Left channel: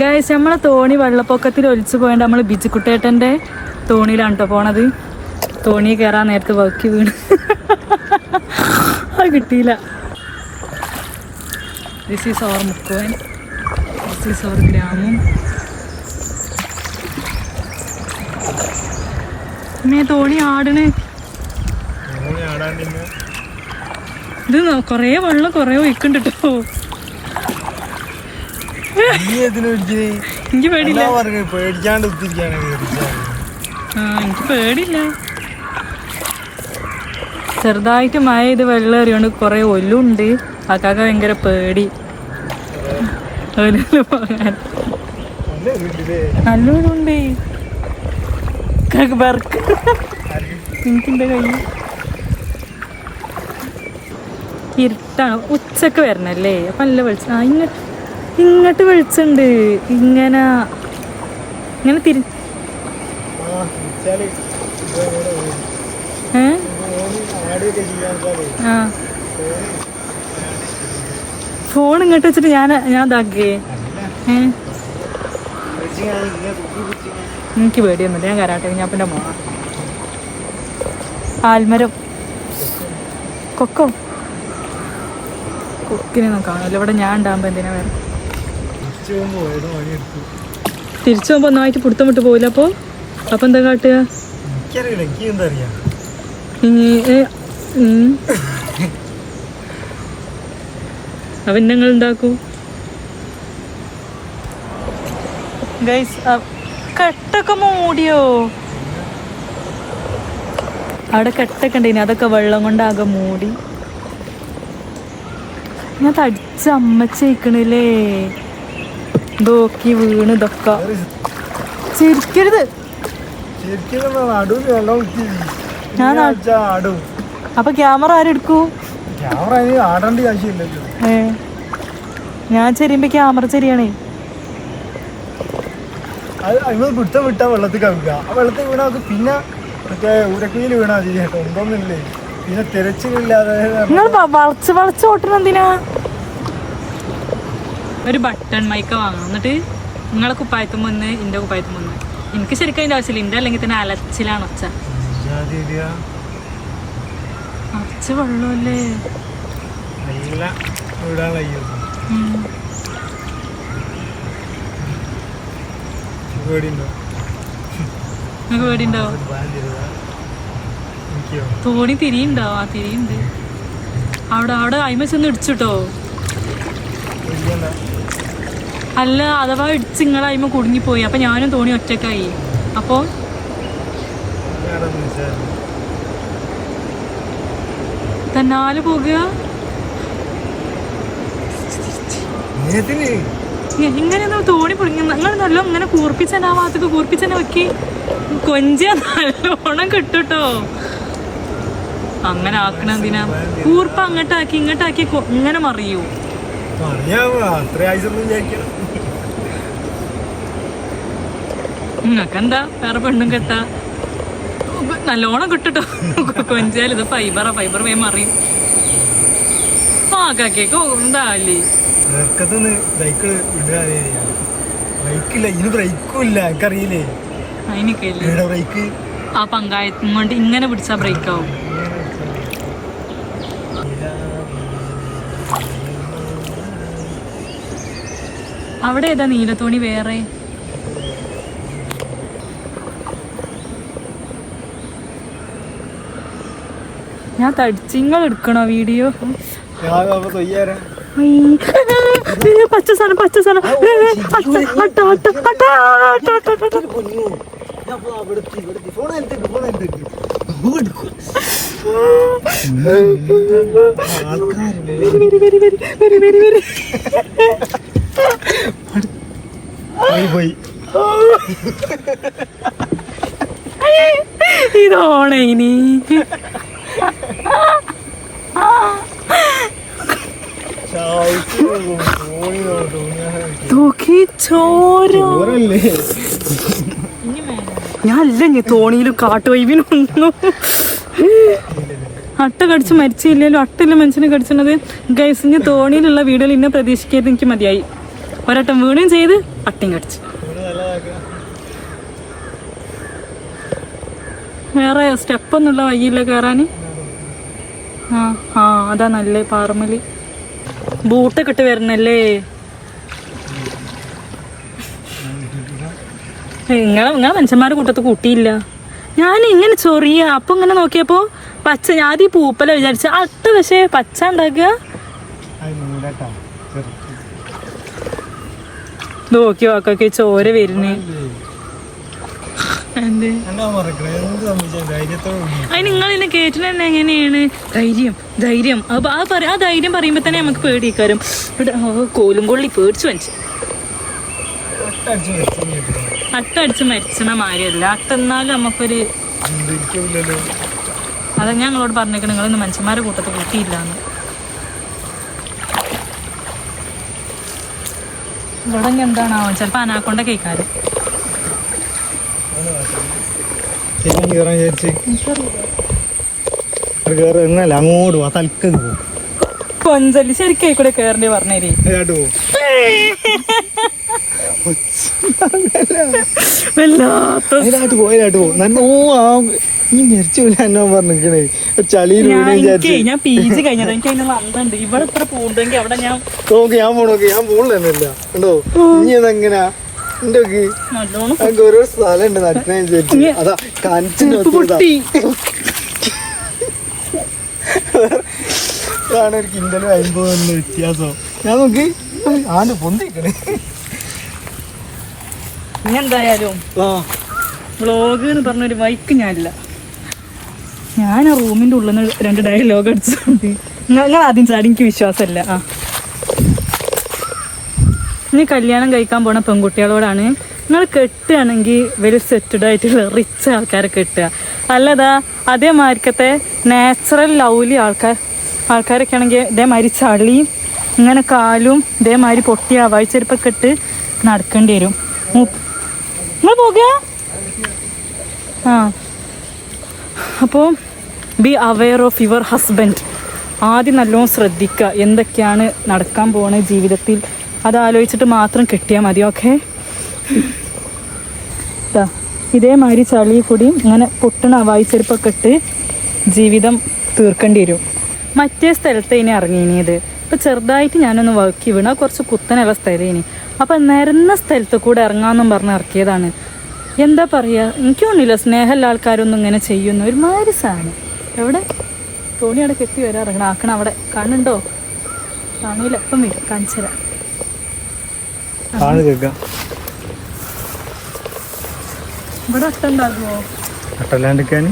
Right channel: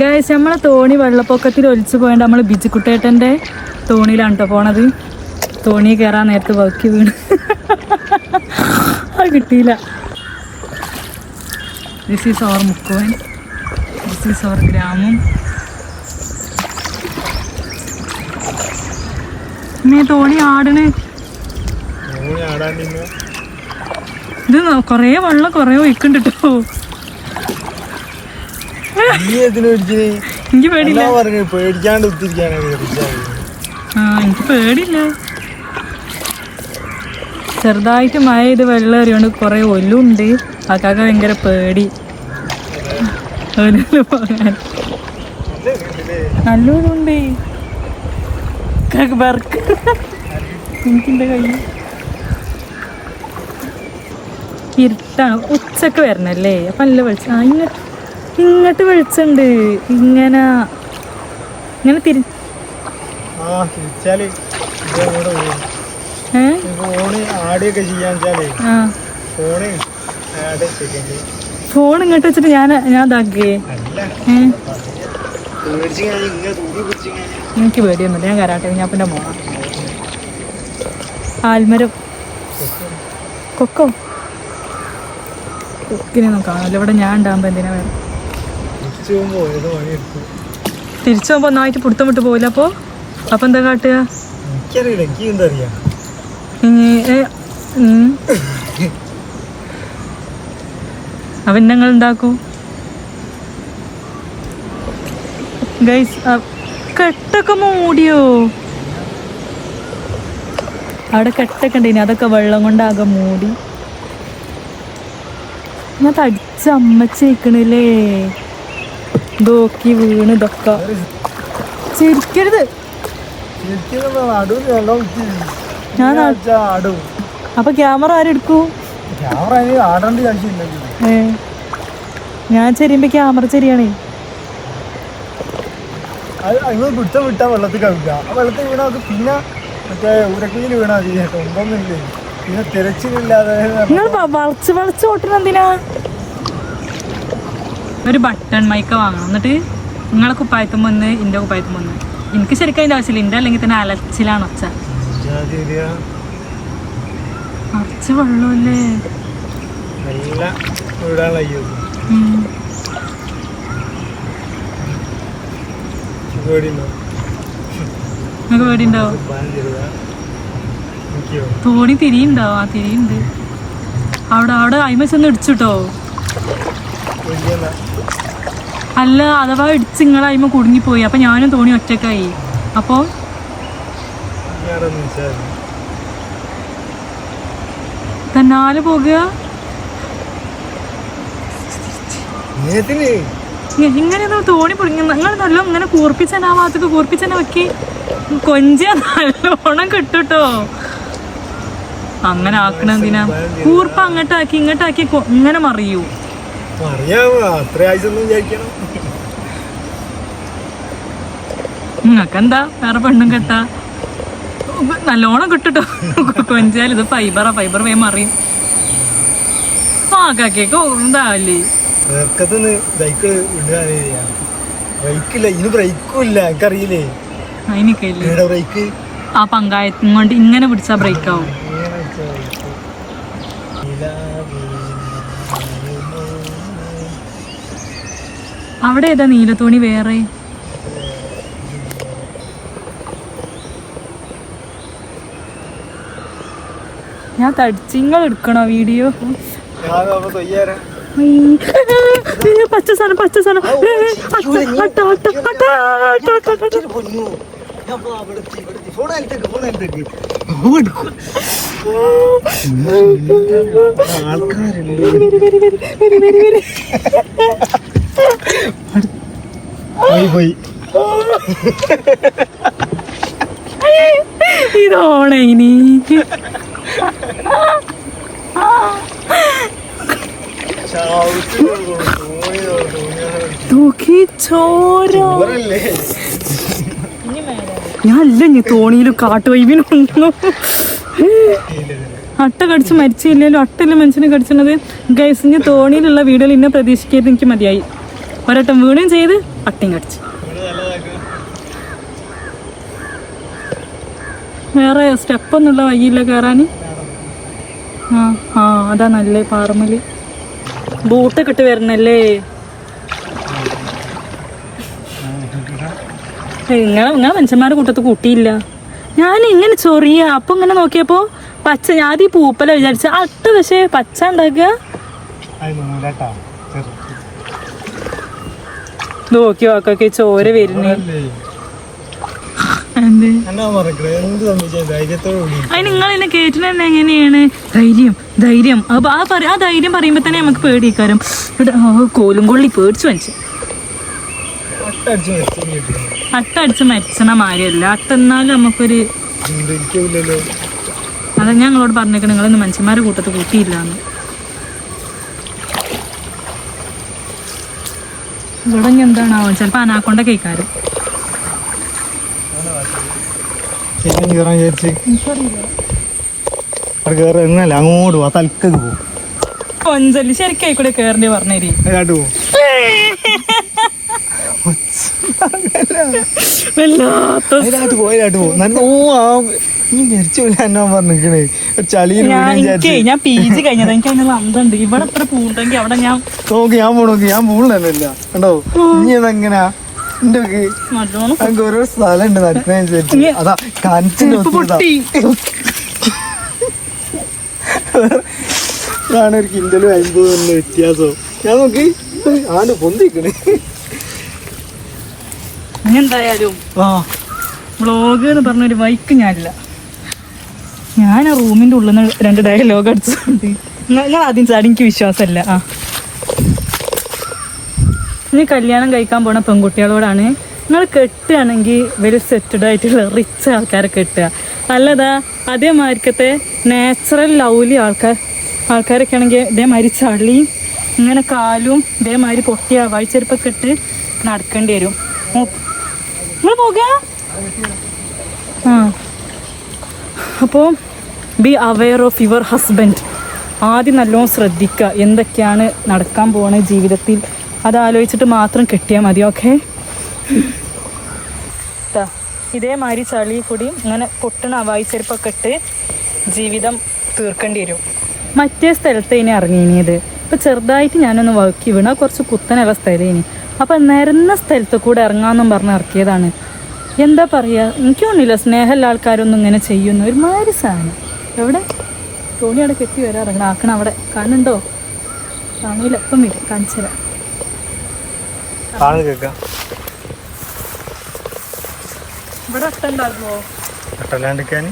Guys നമ്മളെ തോണി വെള്ളപ്പൊക്കത്തിൽ ഒലിച്ചു പോയത് നമ്മള് ബിജുക്കുട്ടേട്ടന്റെ തോണിയിലാണ് കേട്ടോ പോണത്. തോണി കയറാൻ നേരത്ത് വക്കി വീണ് അത് കിട്ടിയില്ല. ദിസ് ഈസ് അവർ മുക്കുവൻ, ദിസ് ഈസ് അവർ ഗ്രാമം. തോണി ആടണ്. ഇത് കൊറേ വെള്ളം കൊറേ ഒഴിക്കണ്ട് കേട്ടോ. എനിക്ക് പേടില്ല. എനിക്ക് പേടില്ല. ചെറുതായിട്ട് മഴ ചെയ്ത് വെള്ളം എറിയോണ്ട് കൊറേ ഒല്ലുണ്ട്. ആക്കാക്ക ഭയങ്കര പേടി പോകാൻ. നല്ലൊരുണ്ട് എനിക്കെന്റെ കൈ ഇരുട്ടാണ്. ഉച്ചക്ക് വരണല്ലേ അപ്പൊ നല്ല വെളിച്ചം. ഇങ്ങോട്ട് വെളിച്ചുണ്ട്. ഇങ്ങനെ ഫോൺ ഇങ്ങോട്ട് വെച്ചിട്ട് ഞാൻ ഇതാക്കിയേ. എനിക്ക് പേടിയൊന്നുമില്ല. ഞാൻ കരാട്ടെ ഞാൻ പിന്നെ മോണ ആൽമരം കൊക്കോ കൊക്കിനൊന്നും കാണുമല്ലോ ഇവിടെ. ഞാൻ ഉണ്ടാകുമ്പോ എന്തിനാ വേറെ തിരിച്ചു പോകുമ്പോ ഒന്നായിട്ട് പുറത്തം വിട്ട് പോയില്ല. അപ്പൊ എന്താ കാട്ടുക? അവൻ ഞങ്ങൾ ഉണ്ടാക്കൂ. കെട്ടൊക്കെ മൂടിയോ? അവിടെ കെട്ടൊക്കെ ഉണ്ടേനി, അതൊക്കെ വെള്ളം കൊണ്ടാകെ മൂടി. ഞാൻ തടിച്ച അമ്മച്ചേക്കണില്ലേ നോക്കി വീണ്. ഇതൊക്കെ ചിരിക്കരുത്. അപ്പൊ ക്യാമറ ആരെടുക്കൂ? ഞാൻ ചെരിയുമ്പോ ക്യാമറ ചെരിയാണേ. പിടുത്തം വിട്ടാ വെള്ളത്തിൽ കളിക്കുക. ആ വെള്ളത്തിൽ വീണാ പിന്നെ മറ്റേ ഉരക്കുയിൽ വീണാ കേട്ടോ. ഒന്നൊന്നുമില്ലേ പിന്നെ തിരച്ചിലില്ലാതെ വളച്ച് വളച്ച് ഓട്ടണെന്തിനാ? ഒരു ബട്ടൺ മൈക്ക വാങ്ങണം. എന്നിട്ട് നിങ്ങളെ കുപ്പായത്തുമ്പോ ഒന്ന് എന്റെ കുപ്പായത്തുമ്പോ ഒന്ന്. എനിക്ക് ശരിക്കും അതിന്റെ ആവശ്യമില്ല. എന്റെ അല്ലെങ്കിൽ തന്നെ അലച്ചിലാണ് ഒച്ച. കുറച്ച് വെള്ളമല്ലേ പേടിണ്ടാവും. തോണി തിരിയുണ്ടാവും. ആ തിരിയുണ്ട് അവിടെ അയിമ ചെന്ന് ഇടിച്ചുട്ടോ. അല്ല അഥവാ ഇടിച്ച് നിങ്ങളെ അയിമ കുടുങ്ങിപ്പോയി. അപ്പൊ ഞാനും തോണി ഒറ്റക്കായി. അപ്പൊ തന്നാല് പോകുക. ഇങ്ങനെയൊന്നും തോണി പൊടിങ്ങ. നിങ്ങൾ നല്ല ഇങ്ങനെ കൂർപ്പിച്ചെന്നെ ആ ഭാഗത്തേക്ക് കൂർപ്പിച്ചെന്നെ വെക്കി കൊഞ്ചിയ നല്ലോണം കിട്ടുട്ടോ. അങ്ങനെ ആക്കണെന്തിനാ? കൂർപ്പ് അങ്ങോട്ടാക്കി ഇങ്ങോട്ടാക്കി ഇങ്ങനെ മറിയൂ. നിങ്ങക്കെന്താ വേറെ പെണ്ണും കെട്ടാ? നല്ലോണം കിട്ടുട്ടോ കൊഞ്ചിയാൽ. ഇത് ഫൈബർ വേഗം മറിയും. ആക്കാക്കേക്ക് എന്താല്ലേ എനിക്കറിയില്ലേ അതിനൊക്കെ ആ പങ്കായത്തും കൊണ്ട് ഇങ്ങനെ പിടിച്ചാ ബ്രേക്ക് ആവും. അവിടെ ഏതാ നീലത്തോണി വേറെ? ഞാൻ തടിച്ചിങ്ങൾ എടുക്കണോ വീഡിയോ? പച്ച സാധനം ഇതോണേ ഇനി ഞാനല്ല തോണിയിലും കാട്ടുവൈവിനൊന്നും അട്ട കടിച്ച് മരിച്ചില്ലല്ലോ. അട്ടല്ല മനുഷ്യനെ കടിച്ചത്. ഗൈസ്, ഇനി തോണിയിലുള്ള വീഡിയോയിൽ ഇന്നെ പ്രതീക്ഷിക്കാതെ എനിക്ക് മതിയായി. ഒരട്ടം വീണും ചെയ്ത് അട്ടിയും കടിച്ചു. വേറെ സ്റ്റെപ്പൊന്നുള്ള വഴിയില്ല കയറാൻ. ആ അതാ നല്ല പാറമല്. ബൂട്ടൊക്കെ ഇട്ട് വരണല്ലേ. നിങ്ങളെ മനുഷ്യന്മാരുടെ കൂട്ടത്ത് കൂട്ടിയില്ല. ഞാൻ ഇങ്ങനെ ചൊറിയ അപ്പൊ ഇങ്ങനെ നോക്കിയപ്പോ പച്ച. ഞാൻ ഈ പൂപ്പല വിചാരിച്ച അട്ട, പക്ഷെ പച്ച ഉണ്ടാക്കുക. നോക്കി നോക്കൊക്കെ ചോര വരുന്നേ. അത് നിങ്ങൾ എന്നെ കേട്ടിട്ട് തന്നെ എങ്ങനെയാണ് ധൈര്യം ആ ധൈര്യം പറയുമ്പോ തന്നെ നമുക്ക് പേടിക്കാരും. കോലും കൊള്ളി പേടിച്ചു മനുഷ്യൻ. അട്ടടിച്ച് മരിച്ചണ മാരിയല്ല അട്ടെന്നാലും നമുക്കൊരു. അതാ ഞാൻ നിങ്ങളോട് പറഞ്ഞേക്കണ നിങ്ങളൊന്നും മനുഷ്യന്മാരെ കൂട്ടത്ത് കൂട്ടിയില്ലാന്ന്. ഇവിടെ എന്താണാവോ ചിലപ്പോ അനാക്കൊണ്ട കേൾക്കാറ്. കൊഞ്ചല് ശരിക്കൂടെ കേറണ്ടേ പറഞ്ഞു. ഞാൻ പി ജി കഴിഞ്ഞത് എനിക്ക് അതിനുള്ള അന്തണ്ട്. ഇവിടെ എത്ര പൂണ്ടെങ്കിൽ അവിടെ ഞാൻ പോണില്ല കണ്ടോ. ഇനി അതെങ്ങനാ ഓരോ സ്ഥലം ഉണ്ട് നട്ടിനനുസരിച്ച്. അതാ ഇതാണ് ഒരു കിൻഡലും 50 വ്യത്യാസം. ഞാൻ നോക്കി ആണ്ട് പൊന്തിക്കണേ. എന്തായാലും വ്ളോഗ് എന്ന് പറഞ്ഞൊരു മൈക്ക് ഞാനില്ല. ഞാൻ റൂമിന്റെ ഉള്ളിൽ നിന്ന് 2 ഡയലോഗ് അടിച്ചിട്ടുണ്ട്. ഞാൻ ആദ്യം ചാടി എനിക്ക് വിശ്വാസമില്ല. ഇനി കല്യാണം കഴിക്കാൻ പോണ പെൺകുട്ടികളോടാണ്, നിങ്ങൾ കെട്ടുകയാണെങ്കിൽ വെരി സെറ്റഡ് ആയിട്ടുള്ള റിച്ച് ആൾക്കാരെ കെട്ടുക. അല്ലതാ അതേമാതിരിക്കത്തെ നാച്ചുറൽ ലവ്ലി ആൾക്കാരൊക്കെ ആണെങ്കിൽ ഇതേമാതിരി ചളിയും ഇങ്ങനെ കാലും ഇതേമാതിരി പൊട്ടിയ വായിച്ചെരുപ്പൊക്കെ ഇട്ട് നടക്കേണ്ടി വരും. നിങ്ങൾ നോക്കുക. അപ്പോൾ be aware of your husband. ആദ്യം നല്ലോണം ശ്രദ്ധിക്കുക എന്തൊക്കെയാണ് നടക്കാൻ പോണ ജീവിതത്തിൽ. അതാലോചിച്ചിട്ട് മാത്രം കെട്ടിയാൽ മതി. ഓക്കെ. ഇതേമാതിരി ചളി കൂടി ഇങ്ങനെ പൊട്ടണ വായിച്ചെരുപ്പൊക്കെ ഇട്ട് ജീവിതം തീർക്കേണ്ടി വരും. മറ്റേ സ്ഥലത്ത് ഇനി ഇറങ്ങിയത് ഇപ്പം ചെറുതായിട്ട് ഞാനൊന്ന് വക്കി വീണ കുറച്ച് കുത്തനുള്ള സ്ഥലം ഇനി. അപ്പം നിരന്ന സ്ഥലത്ത് കൂടെ ഇറങ്ങാമെന്നും പറഞ്ഞ് ഇറക്കിയതാണ്. എന്താ പറയുക, എനിക്ക് തോന്നില്ല സ്നേഹമുള്ള ആൾക്കാരൊന്നും ഇങ്ങനെ ചെയ്യുന്നു. ഒരുമാതിരി സാധനം. എവിടെ തോണി അവിടെ കെട്ടി വരാൻ ഇറങ്ങണം. ആക്കണം അവിടെ കാണുന്നുണ്ടോ? കാണൂല. എപ്പം വരും കാണിച്ചു തരാം. ഇവിടെ അട്ട ഉണ്ടാകുമോ? അട്ടല്ലാണ്ടിരിക്കാൻ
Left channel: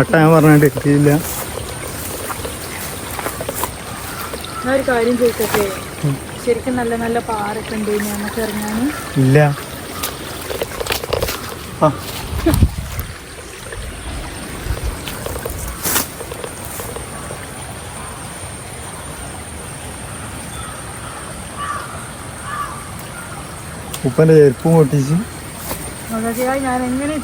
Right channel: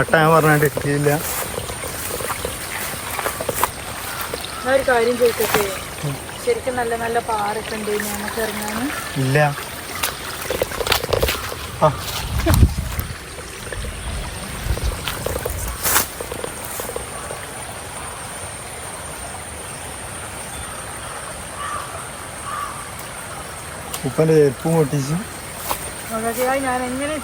അട്ട ഞാൻ പറഞ്ഞിട്ടില്ല. ഞാൻ ഒരു കാര്യം ചോദിക്കട്ടെ, ശരിക്കും നല്ല നല്ല പാറൊക്കെ ഉണ്ട് ഞങ്ങൾക്ക് ഇറങ്ങാൻ? ഇല്ല. ഉപ്പന്റെ ചെരുപ്പും പൊട്ടിച്ചു. ഞാൻ എങ്ങനെ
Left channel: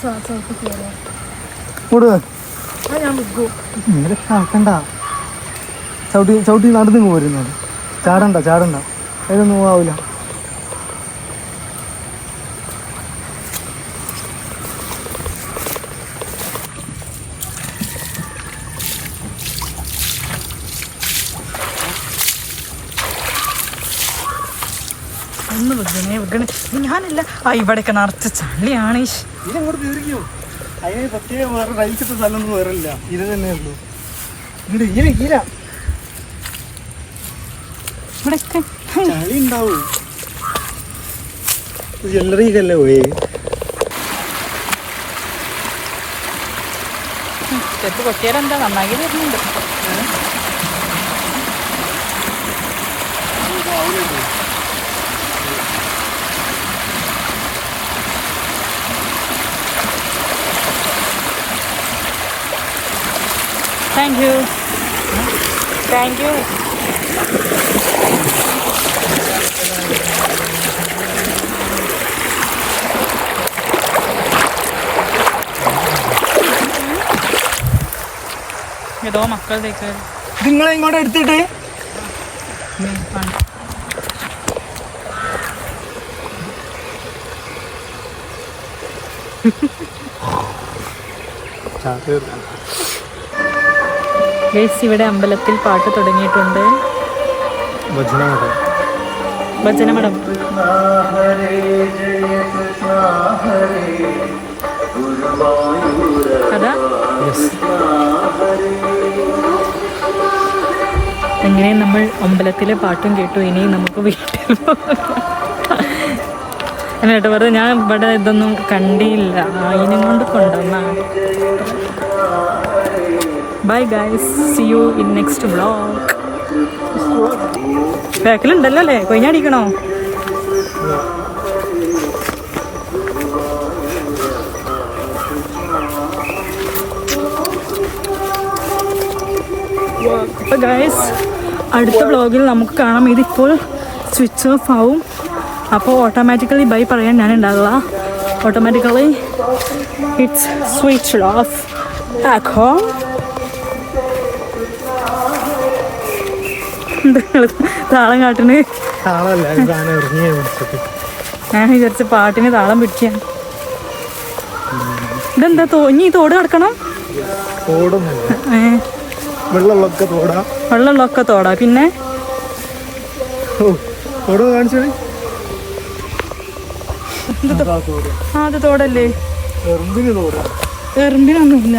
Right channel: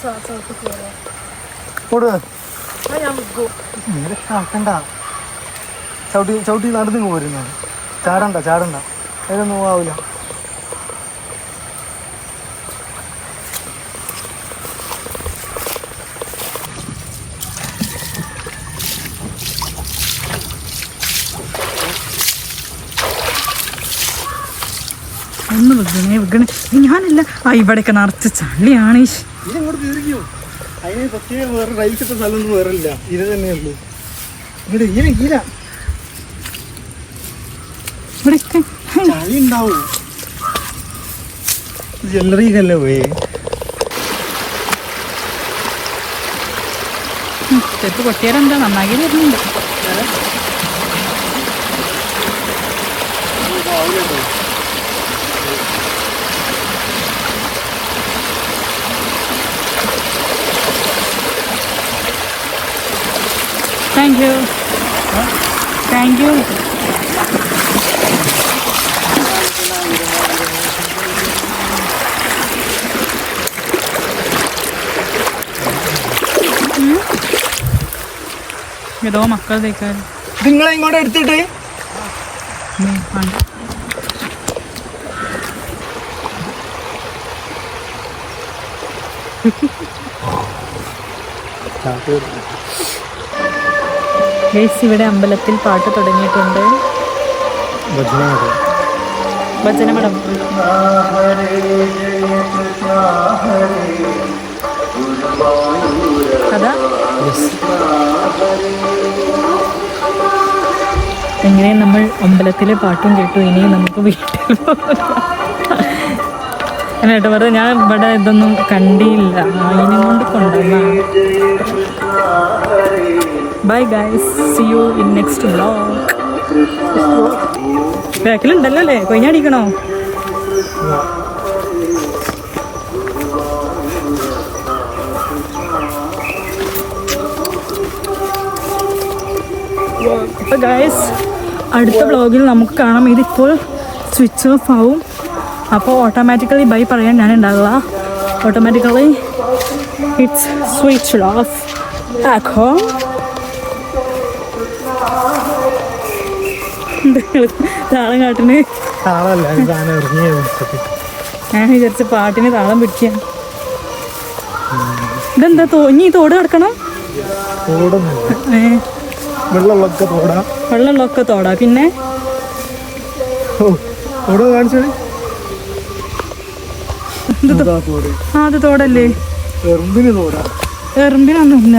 ആക്കണ്ട. ചവിട്ടി നടന്നു പോരുന്നത്. ചാടണ്ട അതിനൊന്നും ആവില്ല. ഞാനില്ല. ഇവിടെയൊക്കെ നിറച്ച ചള്ളിയാണ്. അതിന് പ്രത്യേകം വേറെ റൈസിട്ട സ്ഥലമൊന്നും വേറില്ല. ഇത് തന്നെ ഉള്ളൂ. ഇവിടെ ഇങ്ങനെ ചളി ഉണ്ടാവും. എല്ലറിയില്ലല്ലേ പോയി. പൊട്ടിയാലെന്താ നന്നായി. Thank you. ഏതോ മക്കൾ തേക്കാൻ നിങ്ങളെ ഇങ്ങോട്ട് എടുത്തിട്ട് ഗൈസ് ഇവിടെ അമ്പലത്തിൽ പാട്ട് തുടങ്ങിയിട്ടുണ്ട്. ഭജനമഠം. അതാ എങ്ങനെ നമ്മൾ അമ്പലത്തിലെ പാട്ടും കേട്ടു. ഇനി നമുക്ക് വീട്ടിൽ കേട്ടോ വെറുതെ ഞാൻ ഇവിടെ ഇതൊന്നും കണ്ടില്ല, അതിനും കൊണ്ട് കൊണ്ടുവന്നാണ്. Bye guys, see you in next vlog. ബാക്കിലുണ്ടല്ലോ അല്ലേ, കൊഞ്ഞടിക്കണോ? അപ്പൊ ഗൈസ് അടുത്ത വ്ളോഗിൽ നമുക്ക് കാണാം. ഇതിപ്പോൾ സ്വിച്ച് ഓഫ് ആവും. അപ്പോൾ ഓട്ടോമാറ്റിക്കലി ബൈ പറയാൻ ഞാൻ ഉണ്ടാകുക. ഓട്ടോമാറ്റിക്കലി ഇറ്റ്സ് സ്വിച്ച് ഓഫ് ആക്കോ. താളം കാട്ടിന് ഞാൻ വിചാരിച്ച പാട്ടിന് താളം പിടിക്കാൻ. ഇതെന്താ ഇനി തോട് കിടക്കണം? വെള്ളമുള്ളൊക്കെ തോടാ. പിന്നെ അത് തോടല്ലേ? എറുമ്പിനൊന്നുമില്ല.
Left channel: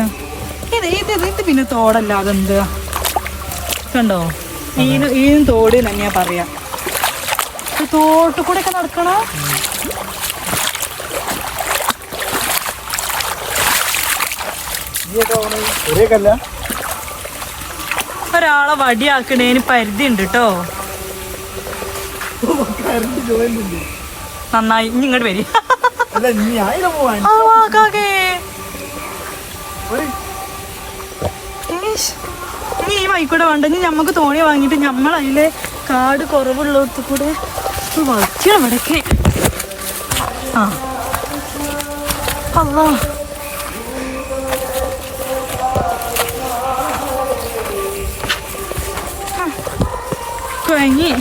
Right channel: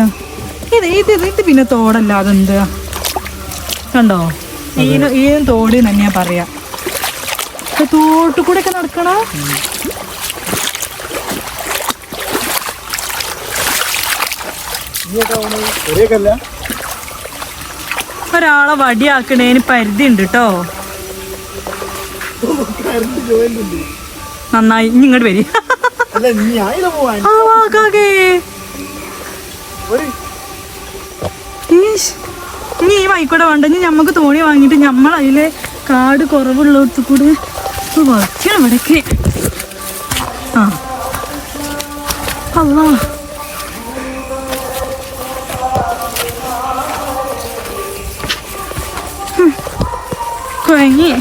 ഇത് പിന്നെ തോടല്ല, അതെന്താ കണ്ടോ? ഈനും തോട് തന്നെയാ പറയാ. തോട്ട് കൂടെ ഒക്കെ നടക്കണ ഒരാളെ വടിയാക്കണേന് പരിധി ഉണ്ട് കേട്ടോ. നന്നായി. ഇനി ഇങ്ങോട്ട് വരും. ഇനി ഈ വൈക്കൂടെ വേണ്ടെങ്കിൽ ഞമ്മക്ക് തോണി വാങ്ങിയിട്ട് ഞമ്മളതിലെ കാട് കുറവുള്ളിടത്ത് കൂടെ വളയ്ക്കുക അവിടേക്ക്. ആ അല്ലാ കുഴങ്ങി.